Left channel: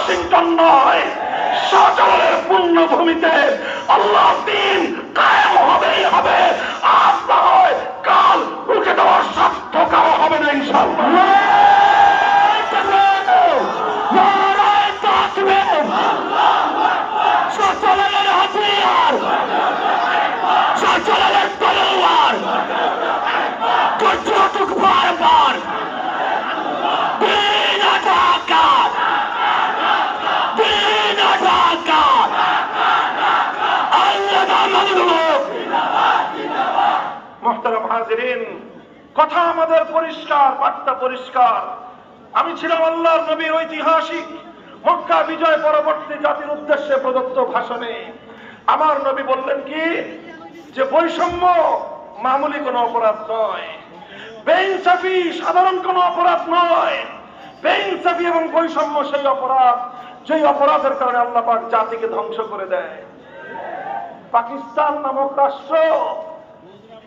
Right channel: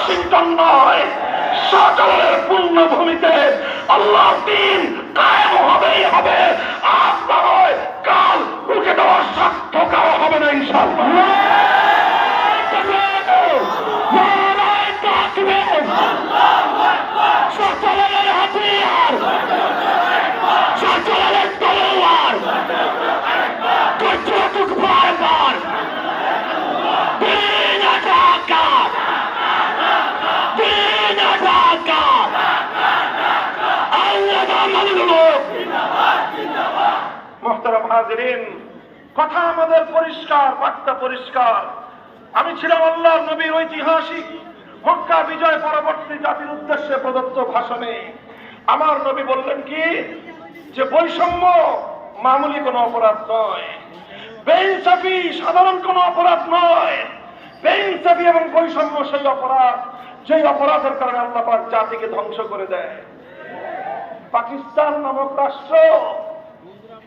Washington নয়, শাহজালালের পূর্ণভূমিতে আল্লাহর দ্বীন কায়েম হবেই হবে। আজ না হয় কাল রুখে দেওয়ার সাধ্য কারো হবে না ইনশাআল্লাহ। শাহজালালের হাতিয়ার, শাহজালালের তলোয়ার, কতটুক বারবার দিন আজাদ, দিন আজাদ, আল্লাহ মানবুক। মুহতারাম হাজিরিন, কথা আমাদের পরিষ্কার, বার্তা পরিষ্কার। আমি ছিলাম আল্লাহর নবীর ঐতিহাসিক মক্কা বিজয় পরবর্তী জাতির উদ্দেশ্যে প্রদত্ত ভাষণে আমার নবী বললেন কি, যে বৈষম্য মামুলি কোনো অপরাধ নয়, বেইনসাফি সাধারণ কোনো অপরাধ নয়। বেইনসাফি এবং বৈষম্য সেই অপরাধ যেই অপরাধের কারণে আল্লাহ পাক জাতিকে ধ্বংস করে দেয়। পাকিস্তান নামক রাষ্ট্র,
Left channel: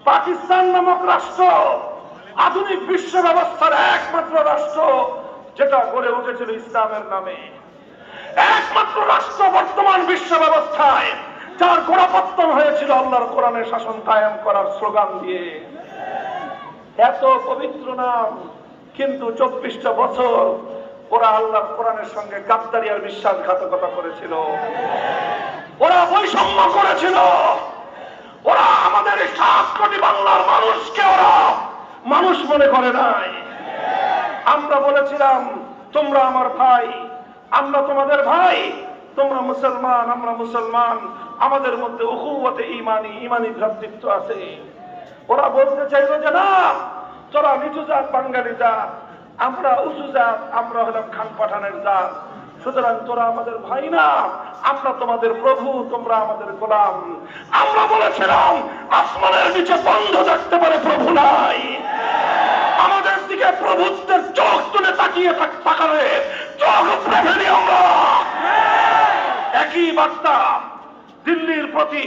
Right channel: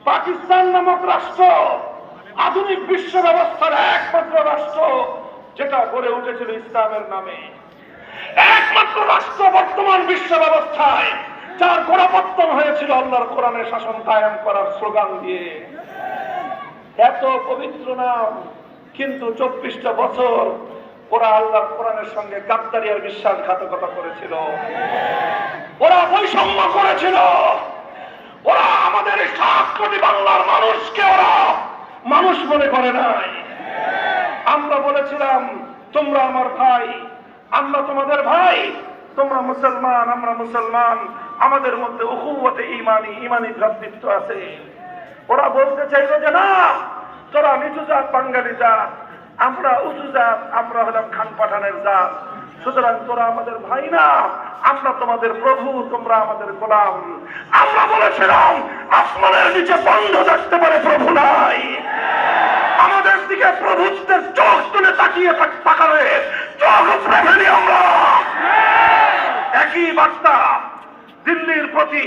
পাকিস্তান নামক রাষ্ট্র আধুনিক বিশ্ব ব্যবস্থার একমাত্র রাষ্ট্র যেটা গড়ে উঠেছিল ইসলামের নামে, একমাত্র রাষ্ট্র বর্তমান বিশ্ব ব্যবস্থায় যার গোড়াপত্তন হয়েছিল আল্লাহর কোরআনের শাসন কায়েম করার স্লোগান দিয়ে। এত পবিত্র নাম, কিন্তু 24টা বছর ওরা আল্লাহর কোরআনের সঙ্গে গাদ্দারি আর বিশ্বাসঘাতকতা করেছিল, ওরা বৈষম্য করেছিল, ওরা আমাদের 7 কোটি বাংলার মানুষকে ওরা মানুষ মনে করে নাই। আমরা বলেছিলাম তোমরা আমার ভাই, আমরা তোমাদের ভাই, তোমরা মুসলমান, আমরা মুসলমান, আমাদের মধ্যে উখুওয়াতে ঈমানি ভ্রাতৃত্ব আছে। ওরা বলতে চাইলো যে না, তোরা নিচু জাত বাঙালি জাত, আমরা উঁচু জাত, আমরা হলাম খান পাঠানের জাত, সুতরাং তোরা আমাদের ভাই না, আমরা তোমাদের প্রভু, তোমরা আমাদের গোলাম। আমরা বলেছিলাম আসমানের নিচে বন্ধ থাকতে পারে, প্রভু নাই। আমাদের দিকে প্রভুত্বের চোখ তুলে তাকিয়ে তাকালে চোখ প্রেমেরই আমরা। একই বার্তা দিল্লির প্রতি,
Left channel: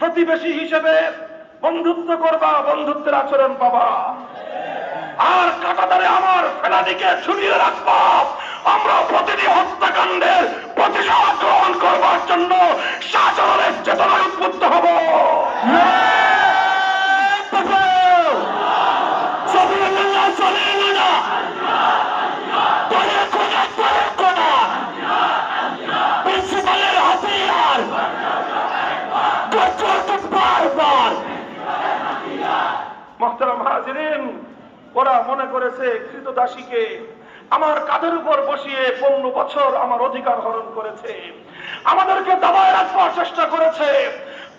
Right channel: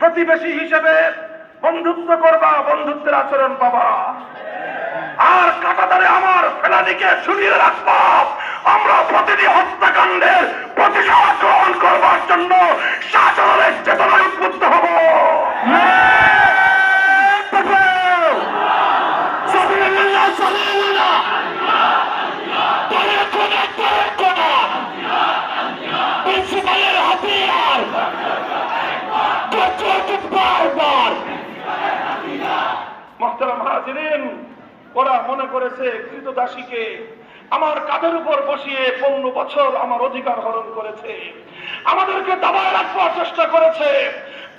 প্রতিবেশী হিসেবে বন্ধুত্ব করবা, বন্ধুত্বের আচরণ পাবা, আর কাঁটাতারে আমার ফেলানিকে ঝুলিয়ে রাখবা। আমরা প্রতিটি হত্যাকাণ্ডের প্রতিশোধ গ্রহণ করবার জন্য শাহজালালের চেতনায় উদ্বুদ্ধ হব। মুহতারাম হাজিরিন, ওরা মনে করেছে কৃতদাসীকে আমার কাঁধের উপর বসিয়ে 15 বছর আমার অধিকার হরণ করেছে, আমাদেরকে দাবায় রাখবার চেষ্টা করেছে।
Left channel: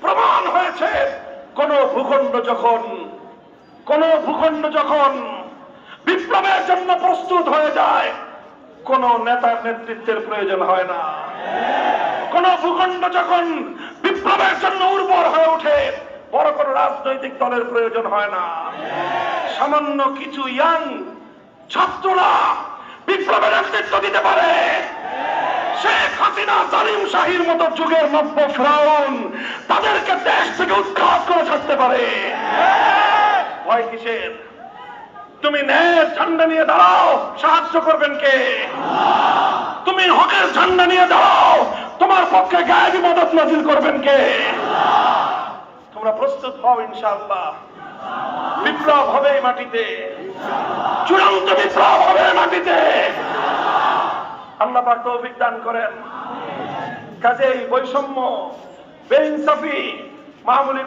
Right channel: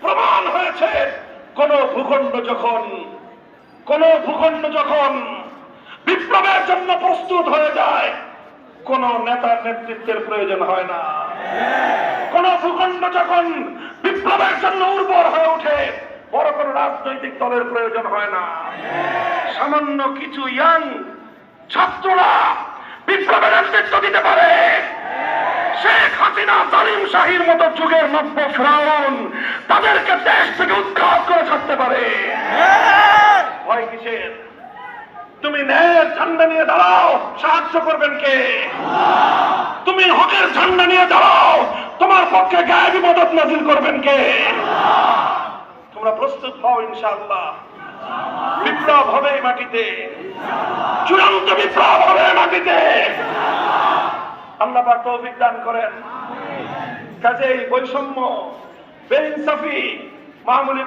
প্রমাণ হয়েছে কোন ভূখণ্ড যখন বিপ্লবের জন্য প্রস্তুত হয়ে যায়, কোন নেতার নেতৃত্বের প্রয়োজন হয় না। কোন ভূখণ্ড যখন বিপ্লবের জন্য উর্বর হয়ে ওঠে, বড় কোন রাজনৈতিক দলের প্রয়োজন হয় না। সামান্য কিছু ইয়াং ছাত্ররা বিপ্লবের নেতৃত্ব দিতে পারে। শেখ হাসিনা, জালিম শাহীর মতো যুগের নব্য ফেরাউন তাদেরকে দেশ থেকে উৎখাত করে ছাড়তে পারে। ভয় কিসের? তুমি ন্যায়ের ঝান্ডা নিয়ে দাঁড়াও, সাহায্য করবেন কে? তুমি হকের ঝান্ডা নিয়ে দাঁড়াও, তোমার পক্ষে গায়েবী মদদ নাজিল করবেন কে? তোমরা প্রস্তুত হও, ইনশাআল্লাহ বিপ্লব হবে মাটিতে, চূড়ান্ত বিপ্লব হবে মাটিতে। আল্লাহ পাক তৌফিক দান করেন। কাজেই বৈষম্য, বেইনসাফি মামুলি